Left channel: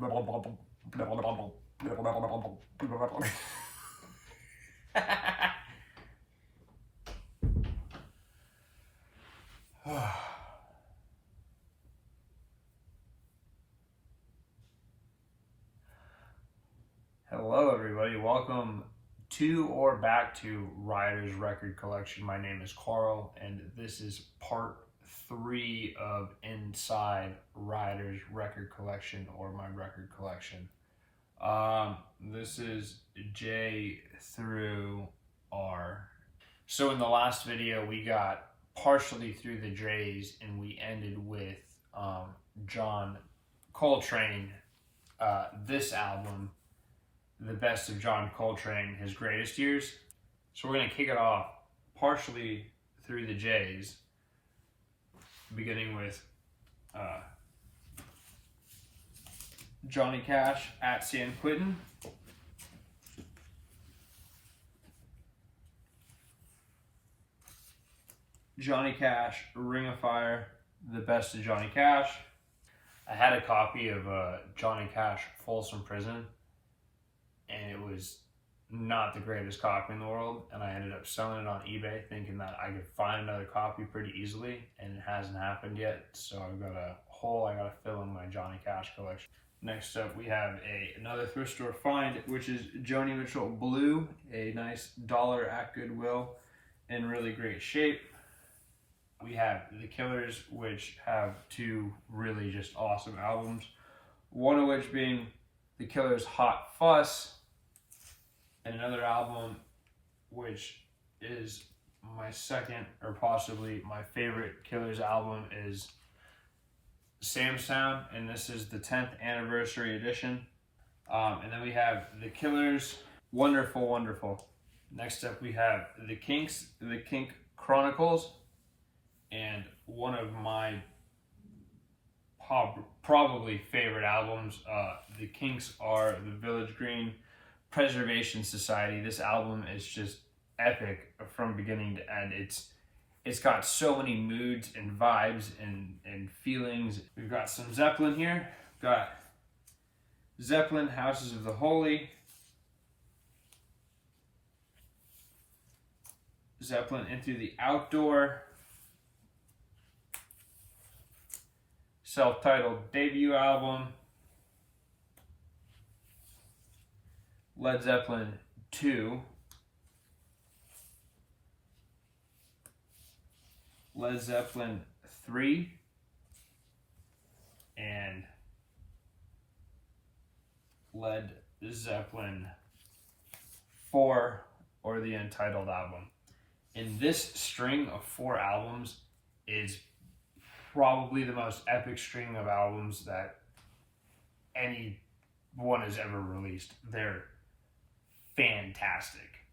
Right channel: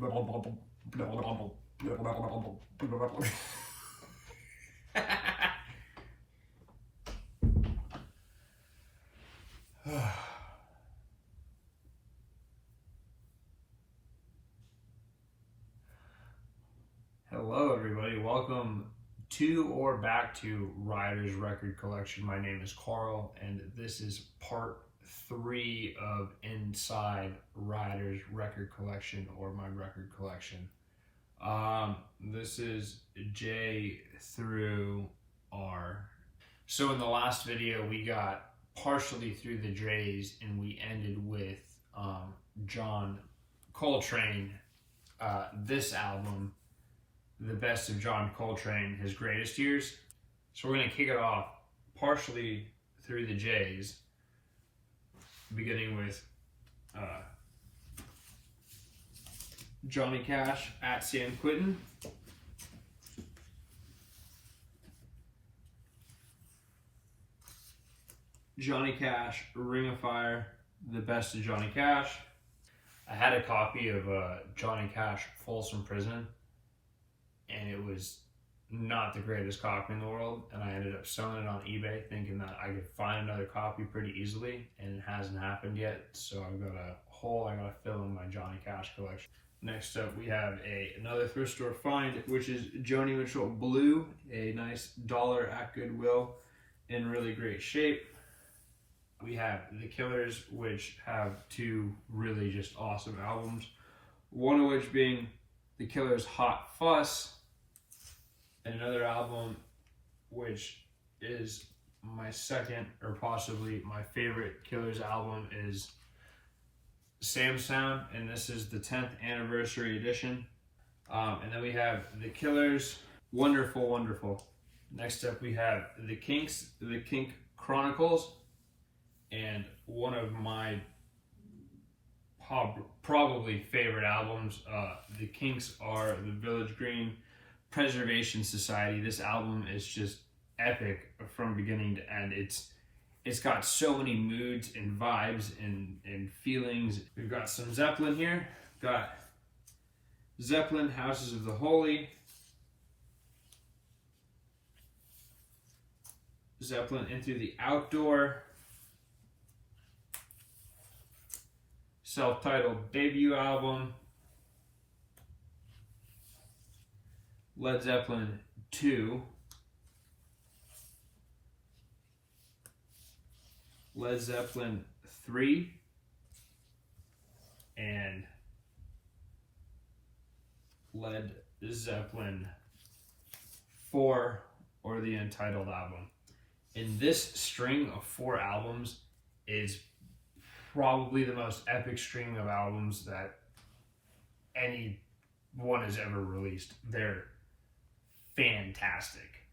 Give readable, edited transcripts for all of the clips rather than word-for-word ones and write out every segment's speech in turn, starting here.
Hello everybody, welcome to or back to Ryder's record collection. My name is Karl and this is part 3 of Inside Ryder's record collection, or my record collection. This is J through R. So in the last video we got partially through the J's and we ended with John Coltrane, this album, The Best of John Coltrane, His Greatest Years. So we're going to kick it off partially through the J's, beginning with Johnny Cash at San Quentin. Johnny Cash, Ring of Fire, The Best of Johnny Cash. I had a copy of Johnny Cash, Folsom Prison, and it was not the greatest copy in the world, and I ended up selling it on eBay thinking that I could find another copy pretty easily, and it hasn't happened yet, so I've got a hole I gotta fill in my Johnny Cash collection. Next up we have another thrift store find, which is Joni Mitchell Blue, a nice dollar at Goodwill in really great shape. We have The Killers, which have two really just awesome albums, one of which being The Killers' Hot Fuss, and another album which is my second or possibly my favorite Killers album is Sam Sound, and this is the 10th anniversary edition. And then we have The Killers, Wonderful Wonderful. Next up we have The Kinks, The Kink Chronicles, and one of my probably favorite albums. The Kinks are the Village Green Preservation Society. This album is just epic from beginning to end. It's got so many moods and vibes and feelings. We've got some Zeppelin here. We've got Zeppelin, Houses of the Holy, Zeppelin Into the Outdoor, self-titled debut album, Led Zeppelin 2, Led Zeppelin 3, and Led Zeppelin 4, or the Untitled album. And this string of 4 albums is probably the most epic string of albums that anyone has ever released. They're fantastic.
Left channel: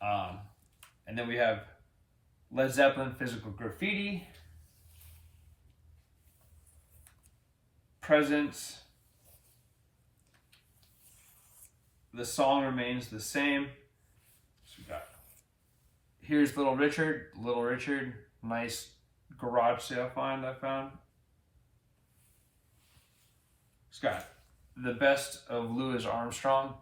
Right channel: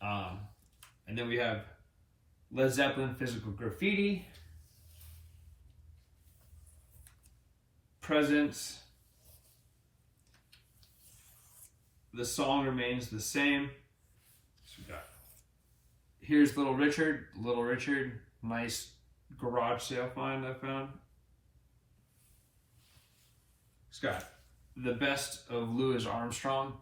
And then we have Led Zeppelin Physical Graffiti, Presence, The Song Remains the Same. So we got Here's Little Richard, nice garage sale find I found. It's got The Best of Louis Armstrong,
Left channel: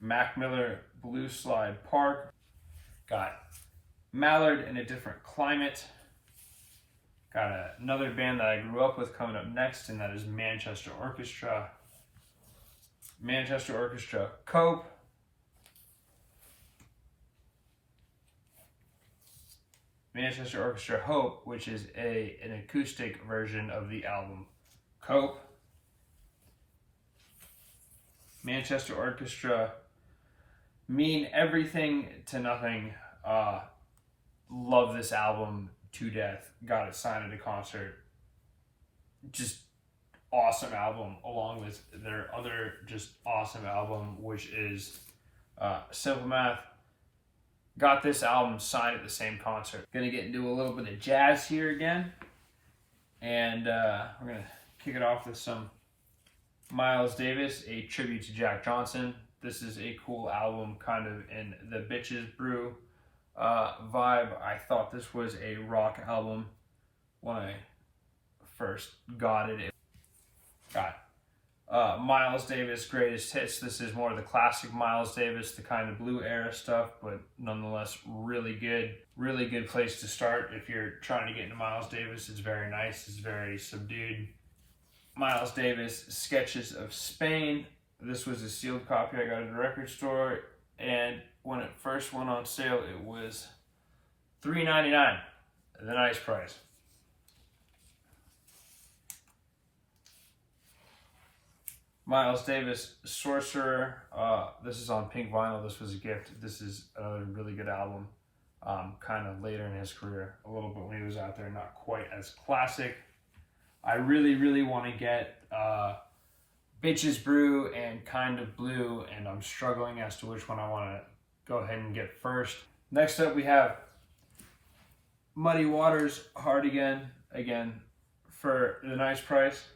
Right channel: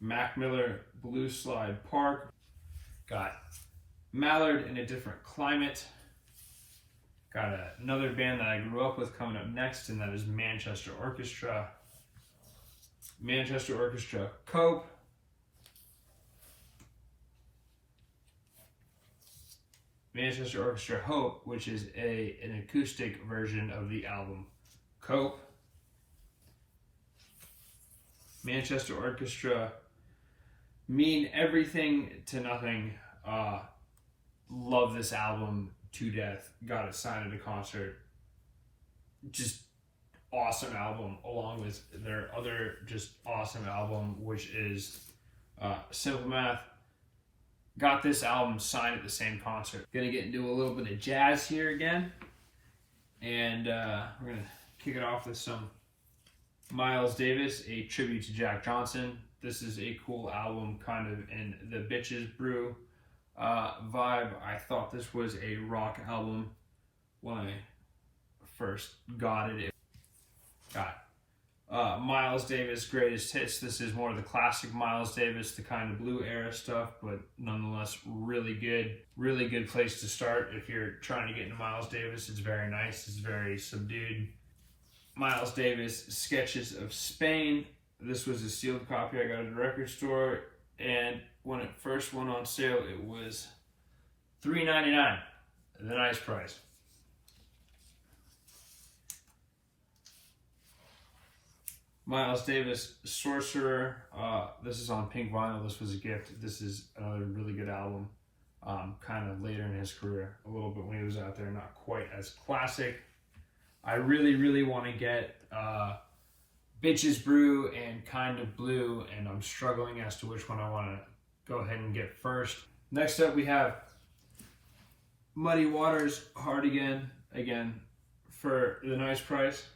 Mac Miller Blue Slide Park, got Mallard in a Different Climate, got another band that I grew up with coming up next, and that is Manchester Orchestra, Cope, Manchester Orchestra Hope, which is an acoustic version of the album Cope, Manchester Orchestra Mean Everything to Nothing. Love this album to death. Got it signed at a concert. Just awesome album, along with their other just awesome album, which is Simple Math. Got this album signed at the same concert. Gonna get into a little bit of jazz here again, and we're gonna kick it off with some Miles Davis, a tribute to Jack Johnson. This is a cool album, kind of in the Bitches Brew vibe. I thought this was a rock album when I first got it. Got Miles Davis Greatest Hits. This is more of the classic Miles Davis, the kind of blue era stuff, but nonetheless really good place to start if you're trying to get into Miles Davis. It's very nice, it's very subdued. Miles Davis Sketches of Spain. This was a sealed copy I got at a record store, and when it first went on sale it was $3.99, the nice price. Miles Davis, Sorcerer. This is on pink vinyl. This was a gift. This is another really good album. Kind of later in his career, a little bit when he was out there, not quite as classic. I really want to get Bitches Brew and Kind of Blue, and I'm struggling as to which one I want to go ahead and get first. Next up, we have Muddy Waters, Hard again for the nice price.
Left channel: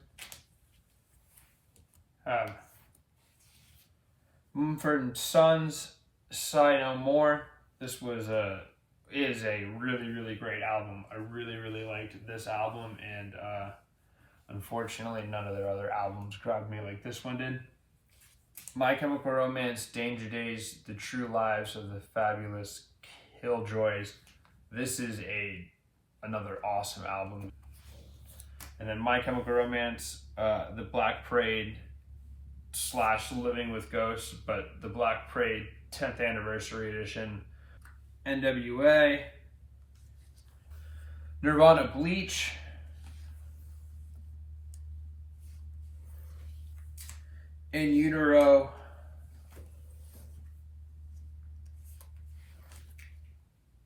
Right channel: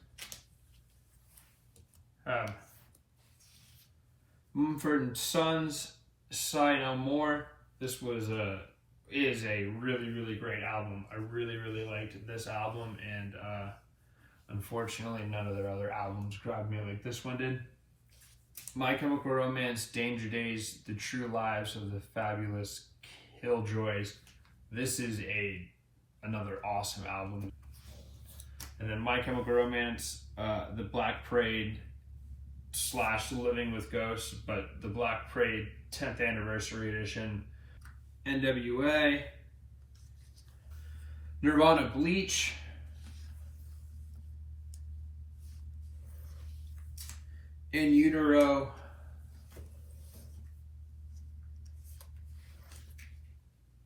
Mumford & Sons, Sigh No More. This is a really great album. I really liked this album, and unfortunately none of their other albums grabbed me like this one did. My Chemical Romance, Danger Days, The True Lives of the Fabulous Killjoys. This is another awesome album. And then My Chemical Romance, The Black Parade / Living with Ghosts, but the Black Parade 10th Anniversary Edition. NWA, Nirvana Bleach, In Utero,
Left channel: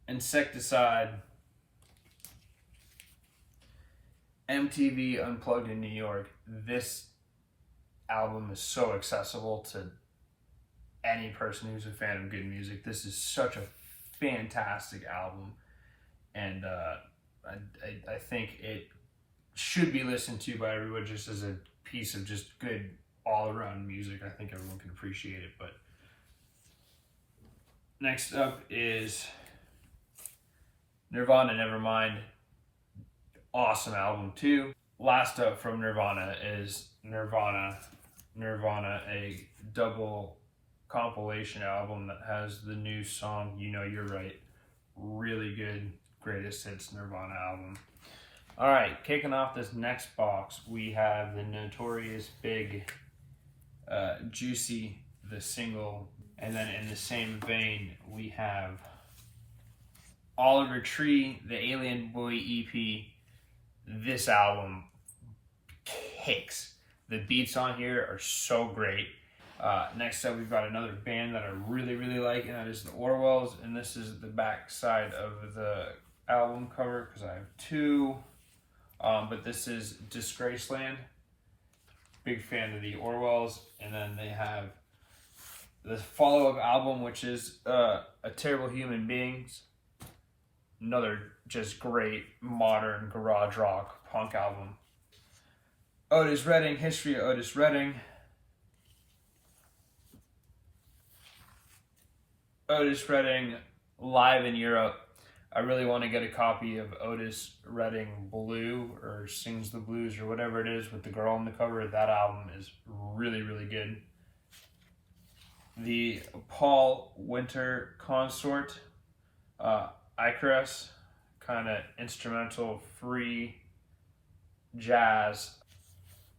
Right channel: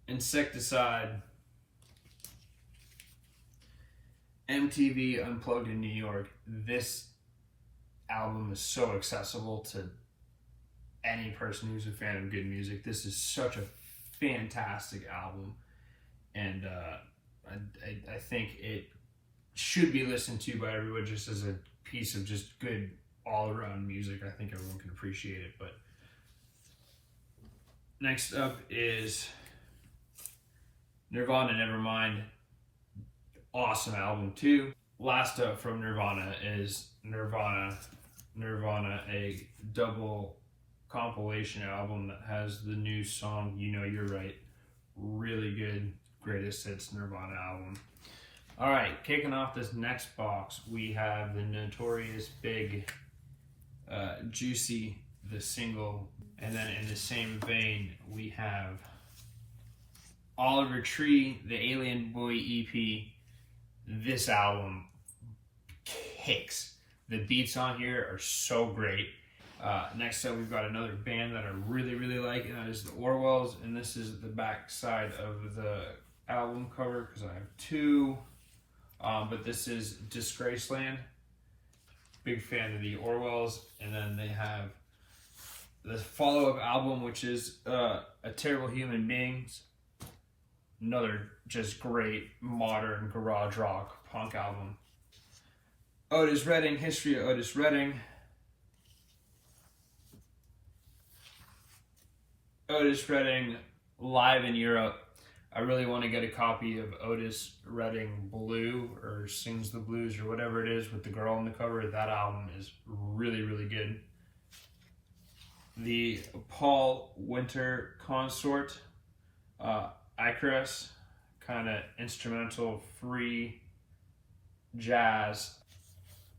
Insecticide, MTV Unplugged in New York. This album is so accessible to any person who's a fan of good music. This is such a fantastic album, and I think it should be listened to by everyone just as a piece of just good all-around music. I think everyone can appreciate it. But next up is Nirvana Nevermind. Awesome album too. Last up from Nirvana is Nirvana, a double compilation album that has the new song You Know You're Right. Really good greatest hits Nirvana album. All right, kicking off this next box, we have the Notorious Big Juicy, the single, and then in the same vein we have Oliver Tree, the Alien Boy EP. This album kicks. The beats on here are so great. Next up, we've got another band that I really like, and that is the Orwells, and this is the back side of the album cover because I have two. But this is Disgraceland. Big fan of the Orwells. And then they have the follow-up album, which is A Terrible Human Beings. Another just great modern garage rock punk album. Otis Redding, History of Otis Redding. Otis Redding live in Europe. I really want to get a copy of Otis Redding Blue or Sings the Blues or whatever it is with the girl on the cover. That album is really good. The Paul Winter Consort, Icarus, kind of instrumental, free jazz,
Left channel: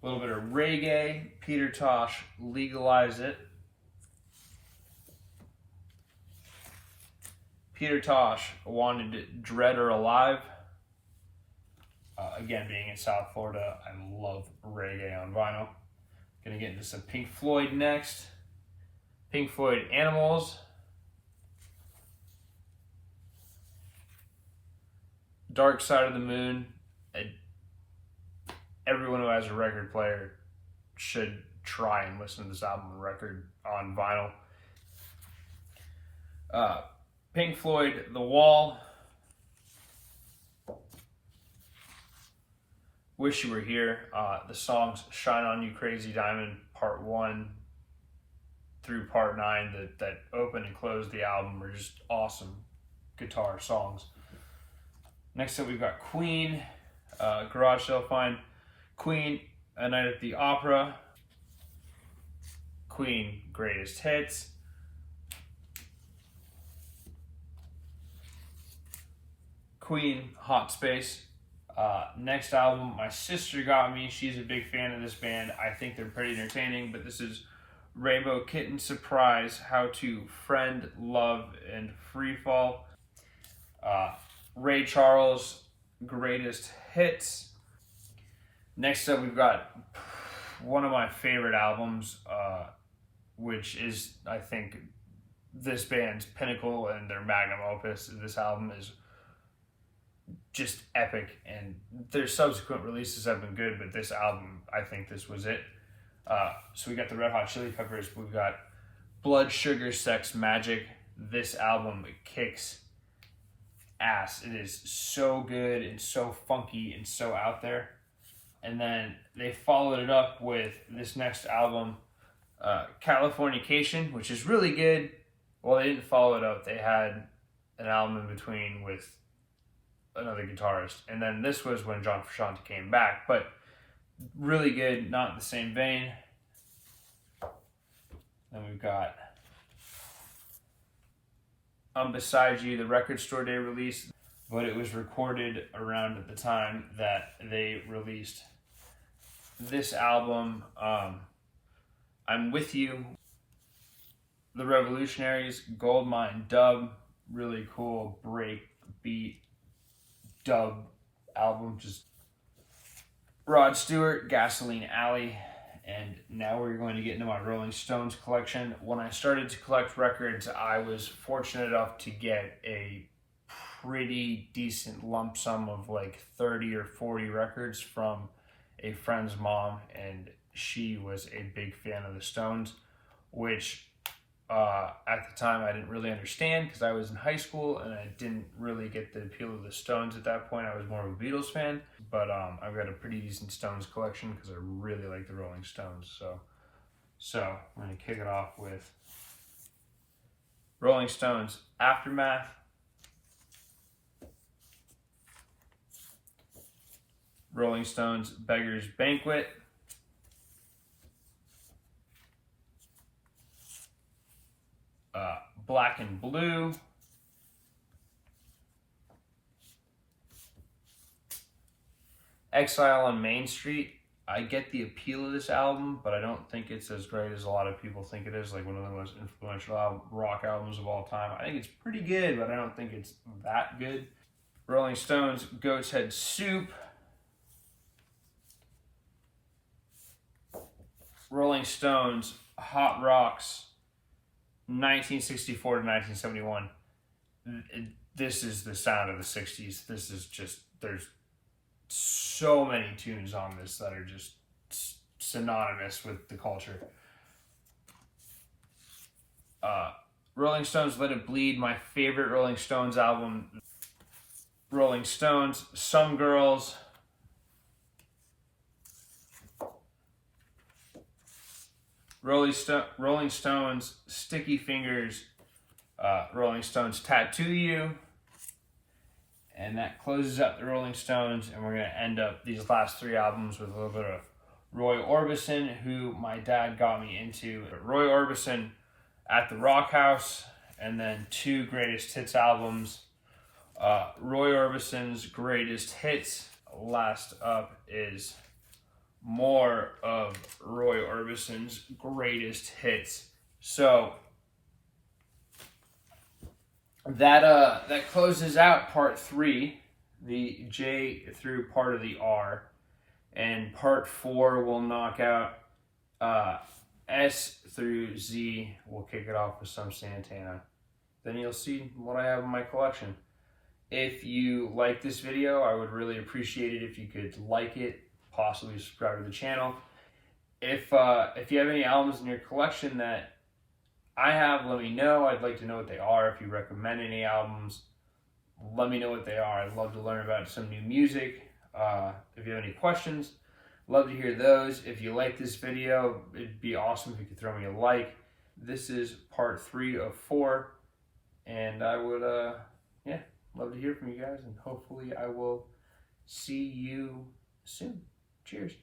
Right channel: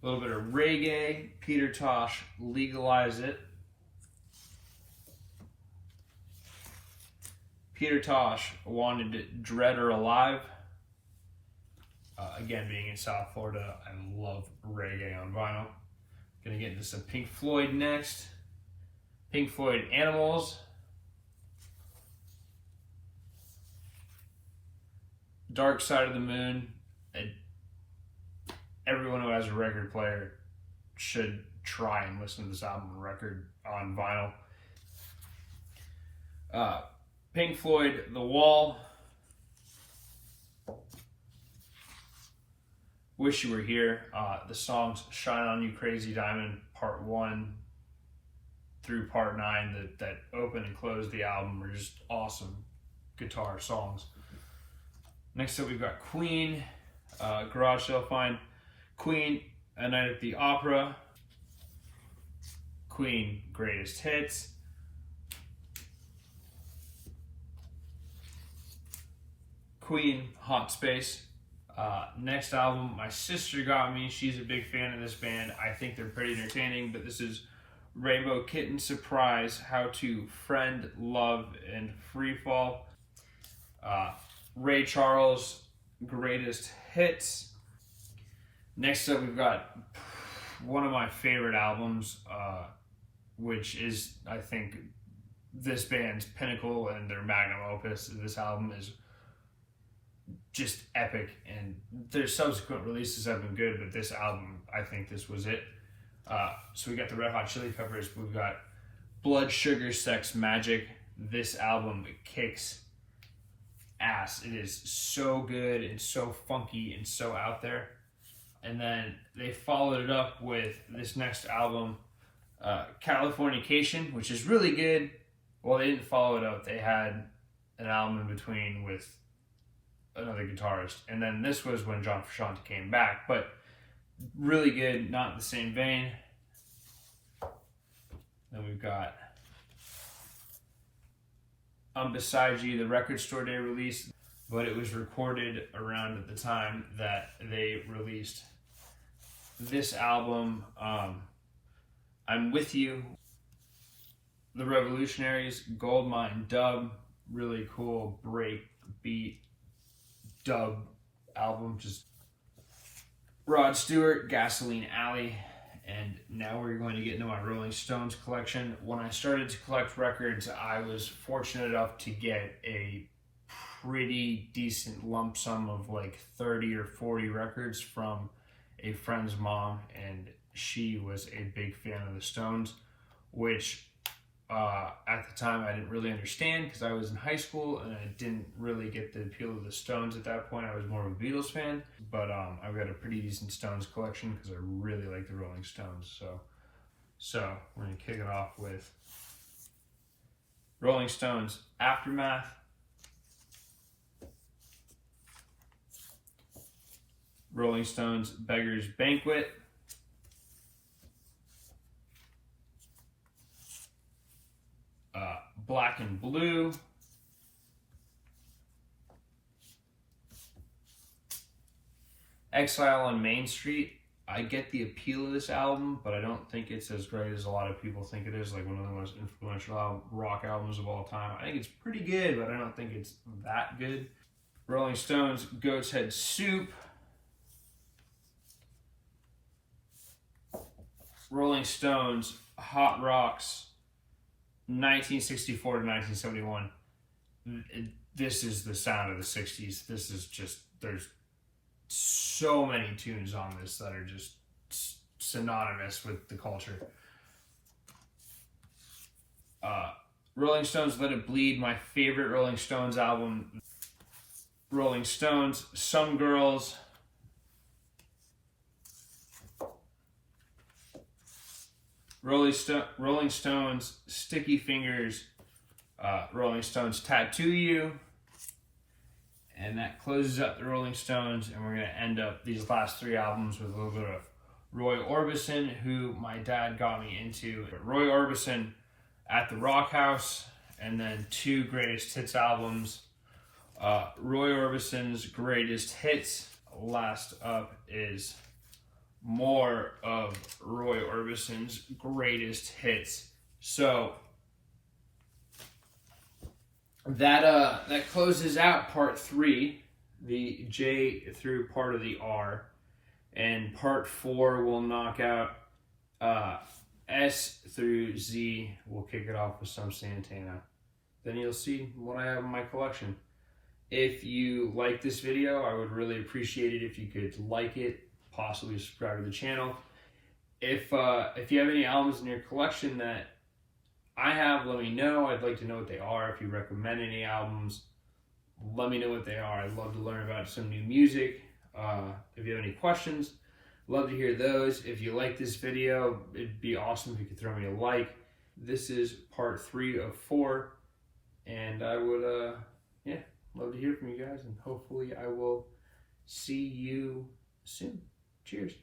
a little bit of reggae. Peter Tosh, Legalize It. Peter Tosh, Wanted It Dead or Alive. Again, being in South Florida, I love reggae on vinyl. Gonna get into some Pink Floyd next. Pink Floyd, Animals. Dark Side of the Moon. Everyone who has a record player should try and listen to this album on vinyl. Pink Floyd, The Wall. Wish You Were Here. The songs Shine On You Crazy Diamond, Part 1 through Part 9 that open and close the album are just awesome guitar songs. Next up, we've got Queen, Garage Sale Find. Queen, A Night at the Opera, Queen Greatest Hits, Queen Hot Space. Next album my sister got me. She's a big fan of this band. I think they're pretty entertaining, but this is Rainbow Kitten Surprise, How to Friend, Love, and Freefall. Ray Charles, Greatest Hits. Next up, we've got one of my favorite albums, which is, I think, this band's pinnacle and their magnum opus. This album is just epic, and their subsequent releases have been good, but this album, I think this was it. So we got the Red Hot Chili Peppers. We've got Blood Sugar Sex Magic. This album kicks ass. It is so good and so funky and so out there. And then they followed it up with this next album, Californication, which is really good. Well, they didn't follow it up. They had an album in between with another guitarist. And then this was when John Frusciante came back. But really good, not in the same vein. Then we've got I'm Beside You, the Record Store Day release, but it was recorded around at the time that they released this album, I'm With You. The Revolutionaries, Goldmine Dub, really cool break beat dub album. Just Rod Stewart, Gasoline Alley. And now we're going to get into my Rolling Stones collection. When I started to collect records, I was fortunate enough to get a pretty decent lump sum of like 30 or 40 records from a friend's mom, and she was a big fan of the Stones, which at the time I didn't really understand because I was in high school and I didn't really get the appeal of the Stones at that point. I was more of a Beatles fan, but I've got a pretty decent Stones collection because I really like the Rolling Stones. So we're going to kick it off with Rolling Stones Aftermath, Rolling Stones Beggar's Banquet, Black and Blue, Exile on Main Street. I get the appeal of this album, but I don't think it's as great as a lot of people think it is, like one of the most influential rock albums of all time. I think it's pretty good, but I don't think it's that good. Rolling Stones Goat's Head Soup, Rolling Stones Hot Rocks 1964 to 1971. This is the sound of the 60s. This is just, there's so many tunes on this that are just synonymous with the culture. Rolling Stones Let It Bleed, my favorite Rolling Stones album. Rolling Stones Some Girls, Rolling Stones Sticky Fingers, Rolling Stones Tattoo You, and that closes up the Rolling Stones, and we're going to end up these last three albums with a little bit of Roy Orbison, who my dad got me into. Roy Orbison at the Rock House, and then two greatest hits albums. Roy Orbison's Greatest Hits. Last up is more of Roy Orbison's Greatest Hits. So that closes out part 3, the J through part of the R, and part 4 will knock out S through Z. We'll kick it off with some Santana. Then you'll see what I have in my collection. If you like this video, I would really appreciate it if you could like it, possibly subscribe to the channel. If you have any albums in your collection that I have, let me know. I'd like to know what they are. If you recommend any albums, let me know what they are. I'd love to learn about some new music. If you have any questions, love to hear those. If you like this video, it'd be awesome if you could throw me a like. This is part 3 of 4, and I would love to hear from you guys, and hopefully I will see you soon. Cheers.